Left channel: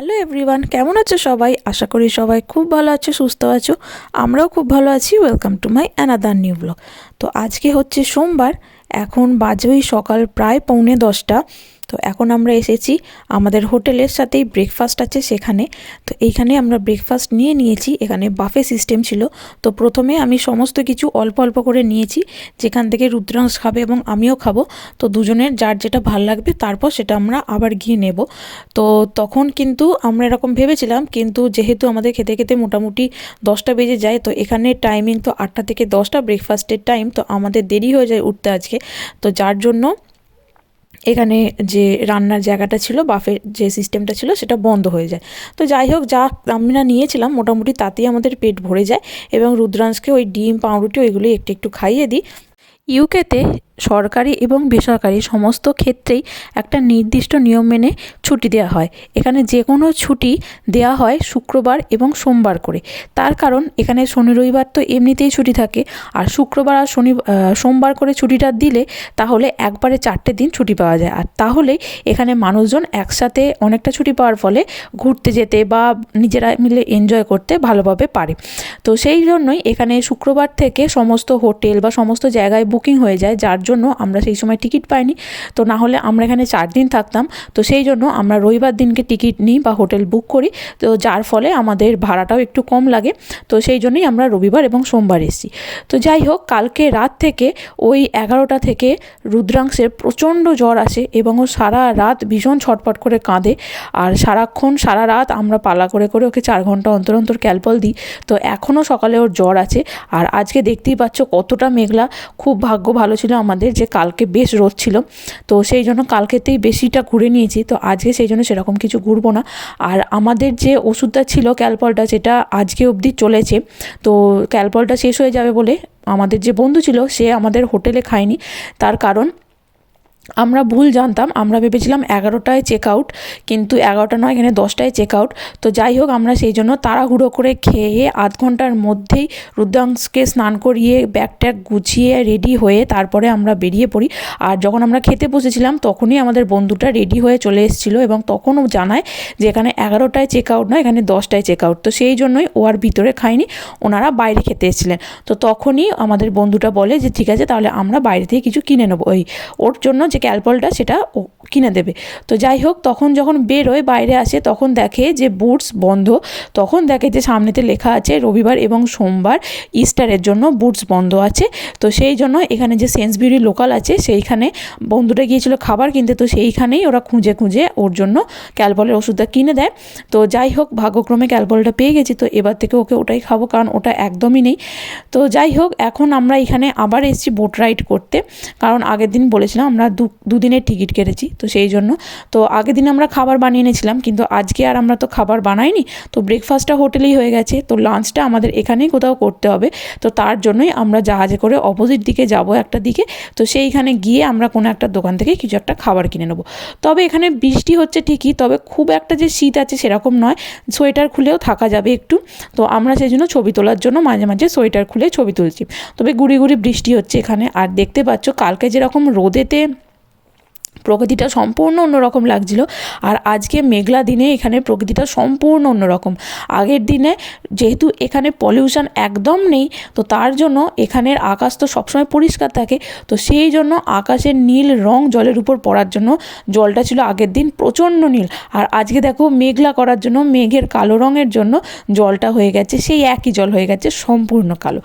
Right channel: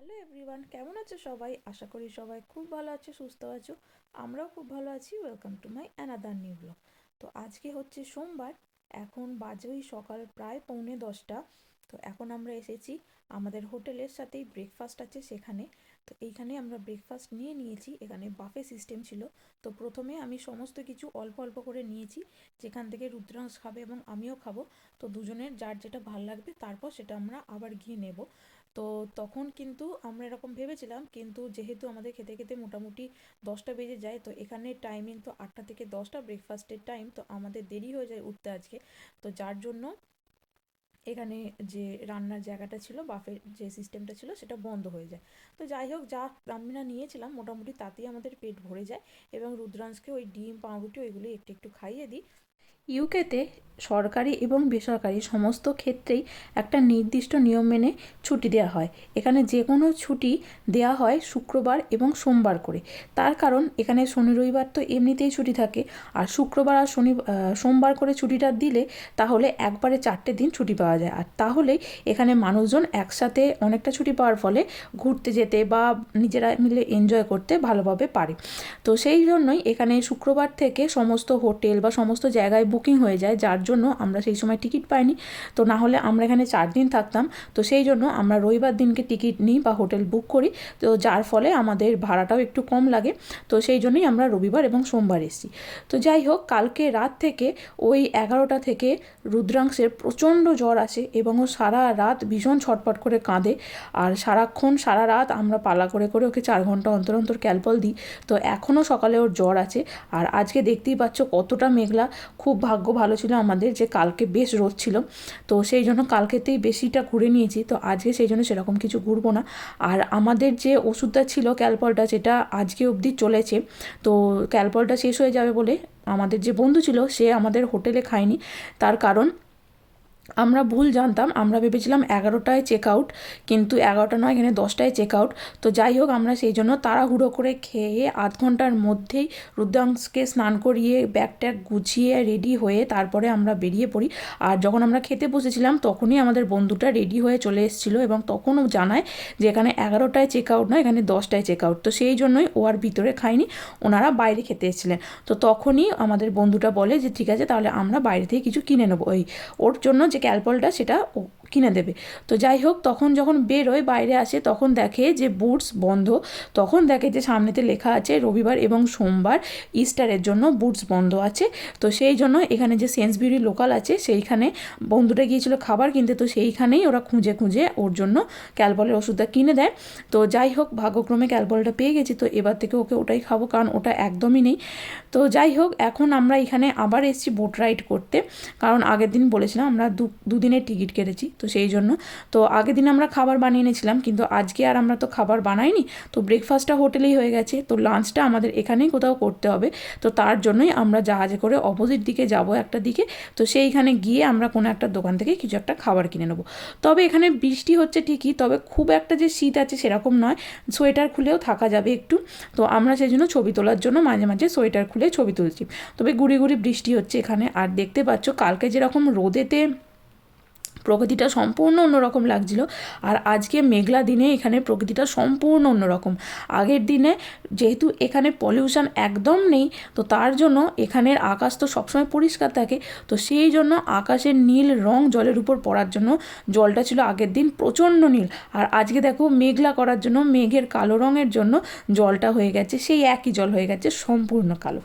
Hello everyone, কেমন আছো সবাই? আশা করি সবাই খুব ভালো আছো, সুস্থ আছো। আমরাও খুব ভালো আছি। Welcome to my another new blog. তো আজকে হচ্ছে সোমবার, এখন বাজে ওই সকাল প্রায় 9:45। তো এখন আমরা এসেছি আমাদের হোটেলের সাথেই ব্রেকফাস্ট আছে সেখানে। তো এইখানে আমরা ব্রেকফাস্ট নিয়ে নিয়েছি, এখানে বাফে সিস্টেম ছিল। তো প্রথমে আমি সমস্ত কিছু অল্প অল্প করে নিয়েছি, যেখান থেকে রুদ্রাংশ খাবে এবং আমিও খাবো। তো দুজনের যার যেটা ভাল লাগবে তারপর সেটা আমরা আবার গিয়ে নেব। তো তখন কিন্তু আমরা এরকম ভেবেছিলাম, কিন্তু যেহেতু আমাদের খেতে খেতে মোটামুটি 10টা বেজে যায়, তো এখানে টাইমিং তো 8টা থেকে 10টা ব্রেকফাস্টের টাইম, তো আমাদের দেরি হয়ে যায় উঠতে আজকে। তো যার জন্য এখানে যে রান্নার জায়গাটা ছিল, বাফের যে সিস্টেমটা ছিল, সেটা বন্ধ হয়ে যায়। তো যাই হোক, যা আমরা নিয়েছিলাম মোটামুটি তাতেই আমাদের পেট ভরে যায় এবং রুদ্রাংশকে ওই ডিম পাউরুটি ওইগুলি একটু একটু খাইয়ে দিই। ইউকেতে সরকারি এবং বেসরকারি সমস্ত ক্ষেত্রেই একটা নির্দিষ্ট নিয়ম মেনে ছুটি দেওয়া হয়। এখানে যে কোনো ছুটি দেওয়া হয় শুক্রবার এবং সোমবার করে। তার কারণ এখানে শনি রবিবার তো এমনিতেই ছুটি থাকে, আর শুক্রবার আর সোমবার করে ছুটিটা দিলে তাহলে একবারে 4টে দিন ছুটি পাওয়া যায়। আর তাহলেই এখানে মানুষজন একসাথে অনেকটা ছুটি পাওয়ার ফলে ঘুরতে যেতে বা নিজেরা মিলে এনজয় করতে ভালোভাবে পারে। তো সেই জন্যই এখানে শুক্রবার থেকে সমস্ত হোটেল বা সমস্ত জায়গায় বুকিং হয়ে যায়, যার জন্য আমরা সেই সময় টিকিট পাইনি। তো না হলে আমরা এখানে 4 দিন থাকতাম। তো সেই জন্য আমরা রবিবার দিনকে টিকিট নিই বা হোটেল বুক করি, তো যার ফলে আমাদের ভাড়াটাও একটু কম লাগে। তো সেই জন্যই আমরা রবিবার এবং সোমবার এসেছি। তো যাই হোক, কালকে রাত থেকে ওই 11টা থেকে রুদ্রাংশের প্রচণ্ড জ্বর আসে এবং ও সারা রাত ভীষণ ছটফট করে কাঁদে। আর সারা রাত আমরা পালা করে করে ওকে 4 ঘন্টা অন্তর অন্তর ক্যালপল দিই। তো এখনও সকালে ওর জ্বর আছে। আর আজকে দেখতেই পাচ্ছ কতটা মেঘলা। খুব ভাগ্য ভালো ছিল আমাদের যে কালকে বেশ রোদ ছিল, তো সেই জন্য কালকেতেই বেশিটা ঘুরে নিয়েছি। তো আজকে সেই জন্য সেরকম কিছু ঘুরবো না। আর আমাদের যে ওষুধটা ছিল ক্যালপলটা, যেটা আজকে অবধি চলেছে, তো ক্যালপলটা শেষ হয়ে যাবে বলে আমাদের যে বন্ধু ছিল সে আমাদের হোটেলে খায়নি। তার কারণ আমরা ভুল জানতাম, আমরা ভেবেছিলাম 11টায় চেক আউট, কিন্তু 11টা নয়, এখানে 10টায় চেক আউট। তো যাই হোক, আমরা সেই জন্য তাড়াহুড়ো করে খেয়ে আধ ঘন্টার মধ্যেই রুদ্রাংশকে স্নান করিয়ে ব্যাগ ট্যাগ গুছিয়ে রেডি হয়ে তারপরে আমরা বেরিয়ে পড়ি। আর যখন আমরা খেতে বসেছিলাম তখনই আমাদের বন্ধুটা রেডি হয়ে চলে এসেছিলো এবং তখনও জানায় যে এখানে 11টায় চেক আউট নয়, এখানে 10টায় চেক আউট। তো সেই জন্যই ও আর ভিতরে খায়নি, ওনারা বাইরে খেতে এসেছিলেন। তো তখনই আমাদের বন্ধুটা বলে যে ঠিক আছে, তাহলে আমরা বাইরে থেকে কিছু কিনে নেবো, ওর জন্য যে ক্যালপলটা সেটা ও কিনে দেবে। তো যাই হোক, তখন যখন বেরোয় বাইরে আসে তখন দেখে যে বুটস বন্ধ। তখন দেখে যে সামনেতে লেখা আছে রবিবার এবং সোমবার ইস্টারের জন্য বুটস বন্ধ আছে। তো সেই জন্য এখানে যে সেন্সবিউরি লোকাল আছে সেইখানে বন্ধুটা গিয়েছিল খাবার কিনতে, তো সেইখানেই ওরা খুঁজে খুঁজে ওর জন্য ক্যালপলের ওষুধটা কিনে দেয়। তো যাই হোক, ভাগ্যক্রমে ক্যালপলটা পেয়ে গেছি, তো এবার থেকে ওকে ওটাই খাবো, কারণ ওটা একদমই নেই। তো যাই হোক, এখন আমরা এখানে আবার এসেছি বোট রাইড করতে, কারণ আগের দিন বলেছিলাম আমরা দুদিনের টিকিট কেটেছি, তো সেই জন্য। তো আগের দিন আমরা খাবার বানিয়ে এনেছিলাম, কিন্তু আজকে আর আমরা তো খাবার বানাইনি। তো ব্রেকফাস্টটা হোটেলেই হয়ে গেছে, তো লাঞ্চটা আমাদের এখানেই কোথাও করতে হবে। তো তার জন্যই আমরা জাহাজে করে অপোজিট দিকে যাব একটা দিকে। তো সেইখানে গিয়ে আমরা কোনো একটা দোকান থেকে কিছু একটা খাবার কিনে নেবো। তবে এখানে বৃষ্টি হচ্ছে ঠিকই, তবে খুব একটা যে শীত আছে সেরকম নয়, সোয়েটার খুলেও থাকা যাবে একটু। তো আমরা সেই জন্য ছবি তোলার জন্য মাঝে মাঝে সোয়েটার খুলে ছবি তুলছি। তবে গুড়ি গুড়ি বৃষ্টি হচ্ছে এখানে। আর দেখতে পাচ্ছ কালকে যেরকম রোদেতে প্রকৃতিটা সম্পূর্ণ অন্যরকম লাগছিল, আর আজকে মেঘলা দিনে এখানে প্রকৃতিটা সম্পূর্ণ অন্যরকম। আগের দিনে যেহেতু এখানে পলিউশন একদম নেই, তো তার জন্য এখানের আকাশ তো সবসময় পরিষ্কার থাকে। তো সেই জন্য আকাশের নীল রং জলের উপর পড়ার জন্য জলটা ছিল আগের দিন প্রচণ্ড নীল। আর আজকে দেখো মেঘলা করার জন্য মেঘের কালো রঙের জন্য জলটা হয়ে গেছে সেই একই জল হয়ে গেছে সম্পূর্ণ কালো।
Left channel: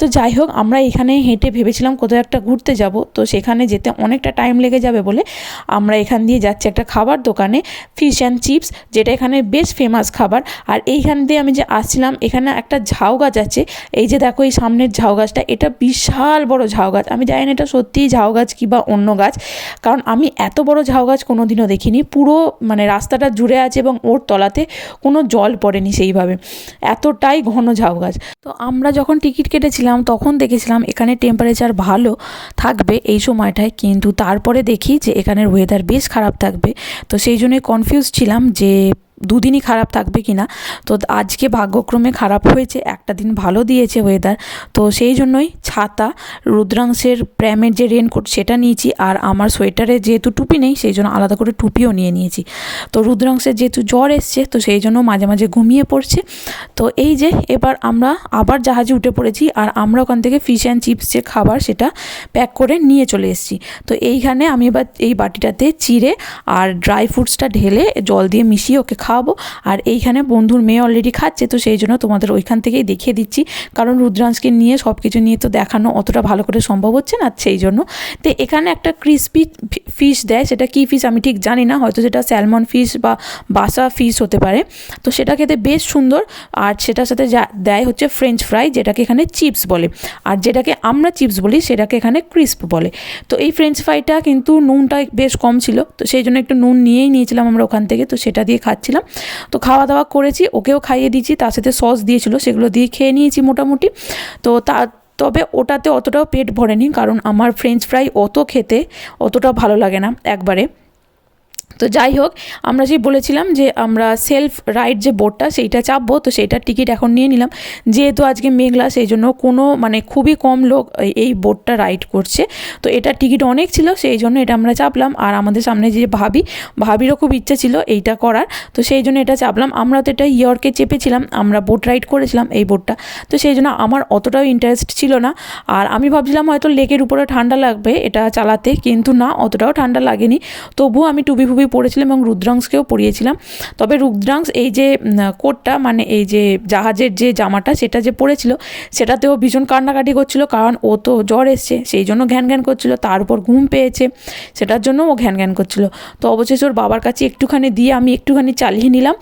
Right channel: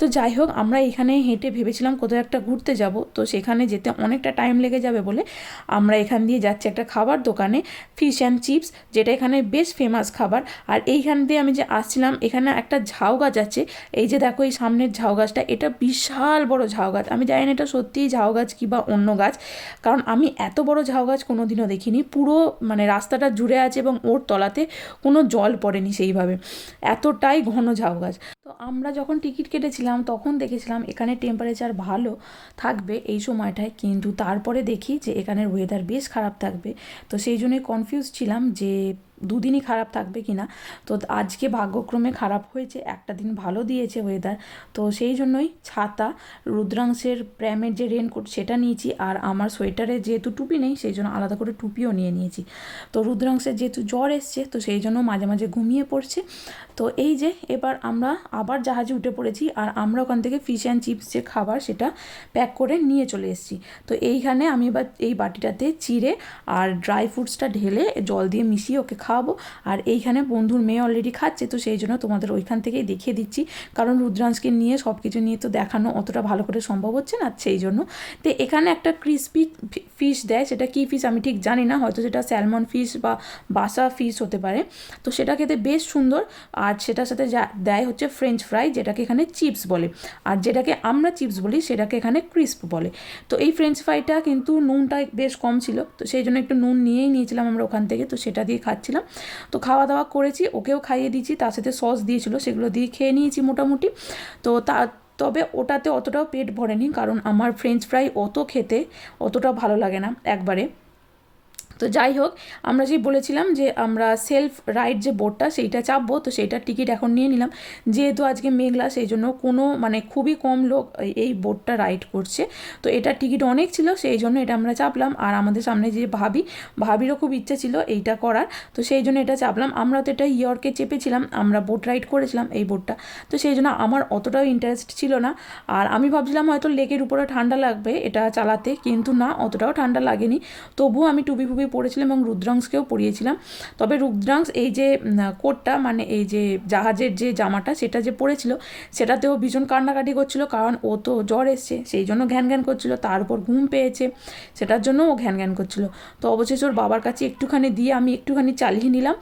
তো যাই হোক, আমরা এখানে হেঁটে ভেবেছিলাম কোথাও একটা ঘুরতে যাব, তো সেখানে যেতে অনেকটা টাইম লেগে যাবে বলে আমরা এখান দিয়ে যাচ্ছি একটা খাবার দোকানে, ফিশ অ্যান্ড চিপস, যেটা এখানে বেশ ফেমাস খাবার। আর এইখান দিয়ে আমি যে আসছিলাম, এখানে একটা ঝাউ গাছ আছে। এই যে দেখো এই সামনের ঝাউ গাছটা, এটা বিশাল বড় ঝাউ গাছ। আমি জানি না এটা সত্যিই ঝাউ গাছ কি বা অন্য গাছ, কারণ আমি এত বড় ঝাউ গাছ কোনোদিনও দেখিনি। পুরো মানে রাস্তাটা জুড়ে আছে এবং ওর তলাতে কোনো জল পড়েনি সেইভাবে, এতটাই ঘন ঝাউ গাছ। তো আমরা যখন টিকিট কেটেছিলাম তখন দেখেছিলাম এখানে টেম্পারেচার ভালো থাকবে এই সময়টায়, কিন্তু তারপরে দেখি যে এখানের ওয়েদার বেশ খারাপ থাকবে। তো সেই জন্যই কনফিউজ ছিলাম যে দুদিনই খারাপ থাকবে কি না। তো আজকে ভাগ্যক্রমে খারাপ হয়েছে, একটা দিন ভালো দিয়েছে ওয়েদার। তো সেই জন্যই ছাতা, রুদ্রাংশের প্র্যামের যে রেনকোট সেটা নিয়েছি, আর আমার সোয়েটারে যেহেতু টুপি নেই সেই জন্য আলাদা করে টুপিও নিয়ে নিয়েছি। তো রুদ্রাংশের যেহেতু জ্বর এসছে তো সেই জন্য মাঝে মাঝে ঘুমিয়ে পড়ছে। তো এই যে এবার আমরা আবার জাহাজে উঠে পড়েছি, আর আমরা ওখান থেকে ফিশ অ্যান্ড চিপস যে খাবার সেটা প্যাক করে নিয়ে চলে এসেছি। তো এইখানে আমি এবার এই বাটিটাতে চিড়ে আর ড্রাই ফ্রুটসটা ঢেলে জল দিয়ে মিশিয়ে ওকে খাওয়াবো। আর এইখানে বন্ধুর মেয়ে অলরেডি খাচ্ছে, তো সেই জন্য তোমাদের ওইখান থেকেই দেখিয়ে দিচ্ছি, কারণ রুদ্রাংশকে নিয়ে সব কিছু নিয়ে তো দেখানো অতটা ভালো করে সম্ভব হচ্ছে না, সেই জন্য। তো এখানে একটা ক্রিসপি ফিশ দেয়, সেটা কী ফিশ আমি ঠিক জানি না, হয়তো সেটা স্যালমন ফিশ বা বাসা ফিশ হতে পারে। তো সেটা খেতে বেশ সুন্দর। আর সেটার সাথে যা দেয় হচ্ছে ফ্রেঞ্চ ফ্রাই, যেটাকে এখানে চিপস বলে, আর যেটাকে আমরা চিপস বলি সেটাকে এখানে ক্রিস্প বলে। তো এই ফ্রেঞ্চ ফ্রাইটা কিন্তু নুনটা বেশ কম ছিল, তো সেই জন্য একটু নুন নিয়েই নিয়েছিলাম আমরা ওখান থেকে, তো সেটা দিয়ে খাচ্ছিলাম। তো খাওয়া দাওয়া করেছি, ওকেও খাইয়ে দিয়েছি, তার সাথে সস দিয়েছিল সেগুলো দিয়ে খেয়ে নিয়েছি মোটামুটি। তো তবে ওটাতে অতটাও পেট ভরেনি, কারণ আমার ফ্রেঞ্চ ফ্রাই খেতে অতটাও ভালো লাগে না একবারে। তো যাই হোক, আমরা যে বলেছিলাম যে আমরা সেলফ রাইড যে বোটটা সেইটা চাপবো, তো সেইটার টিকিট এখন নিয়ে নিলাম। যেহেতু আজকে মেঘলা সেই জন্য খুবই কম লোক এই বোটটা রাইড করছে, তো এটার টিকিট অনেক ছিল, সেই জন্য এটা আমরা চাপলাম। আর আমাদের সামনে যে ভাবিরও খুব ইচ্ছে ছিল এইটা করার, তো সেই জন্য এটা চাপলাম। আমরা তো এটা ইয়র্কে চেপেছিলাম, আমরা বোট রাইড করেছিলাম এই বোটটা, তো সেই জন্য আমার অতটাও ইন্টারেস্ট ছিল না। আর আমি ভাবছিলাম হয়তো লেকের উপরে ঠান্ডা লাগবে এটা চালাতে, কিন্তু না, অতটাও ঠান্ডা লাগেনি। তবুও আমি টুপি পরেছিলাম এবং রুদ্রাংশকেও পরিয়েছিলাম। তবে রুদ্রাংশ এই যে কোটটা, মানে এই যে জাহাজের যে জামাটা সেটা যে পরেছিল সেটাতেও ভীষণ কান্নাকাটি করছিল, কারণ ও তো জ্বর এসছে সেই জন্য ঘ্যান ঘ্যান করছিল, তার উপর ঘুম পেয়েছে সেটার জন্য ও ঘ্যান ঘ্যান করছিল। তো অবশেষে ওর বাবার কাছে একটুখানি দিয়ে আমি একটুখানি চালিয়ে নিলাম,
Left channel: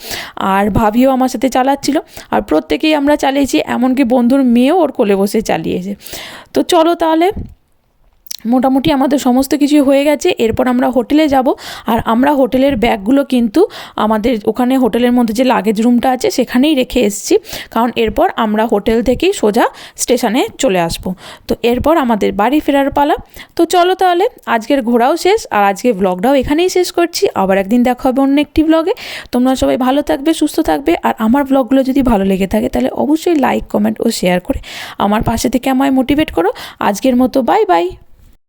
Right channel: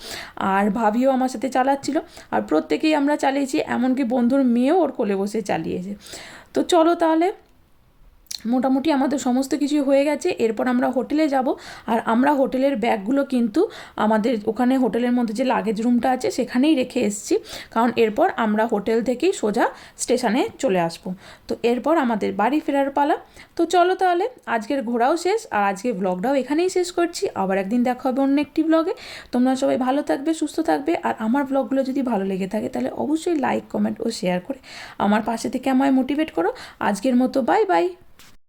আর ভাবিও আমার সাথে চালাচ্ছিল, আর প্রত্যেকেই আমরা চালিয়েছি, এমনকি বন্ধুর মেয়েও ওর কোলে বসে চালিয়েছে। তো চলো তাহলে, মোটামুটি আমাদের সমস্ত কিছু হয়ে গেছে। এরপর আমরা হোটেলে যাব, আর আমরা হোটেলের ব্যাগগুলো কিন্তু আমাদের ওখানে হোটেলের মধ্যে যে লাগেজ রুমটা আছে সেখানেই রেখে এসেছি, কারণ এরপর আমরা হোটেল থেকেই সোজা স্টেশনে চলে আসব। তো এরপর আমাদের বাড়ি ফেরার পালা। তো চলো তাহলে, আজকের ঘোরাও শেষ, আর আজকের ব্লগটাও এখানেই শেষ করছি। আবার একদিন দেখা হবে অন্য একটি ব্লগে। তোমরা সবাই ভালো থাকবে, সুস্থ থাকবে, আর আমার ব্লগগুলো যদি ভালো লেগে থাকে তাহলে অবশ্যই লাইক, কমেন্ট ও শেয়ার করে আমার পাশে থেকে আমায় মোটিভেট করো। আজকের মতো বাই বাই।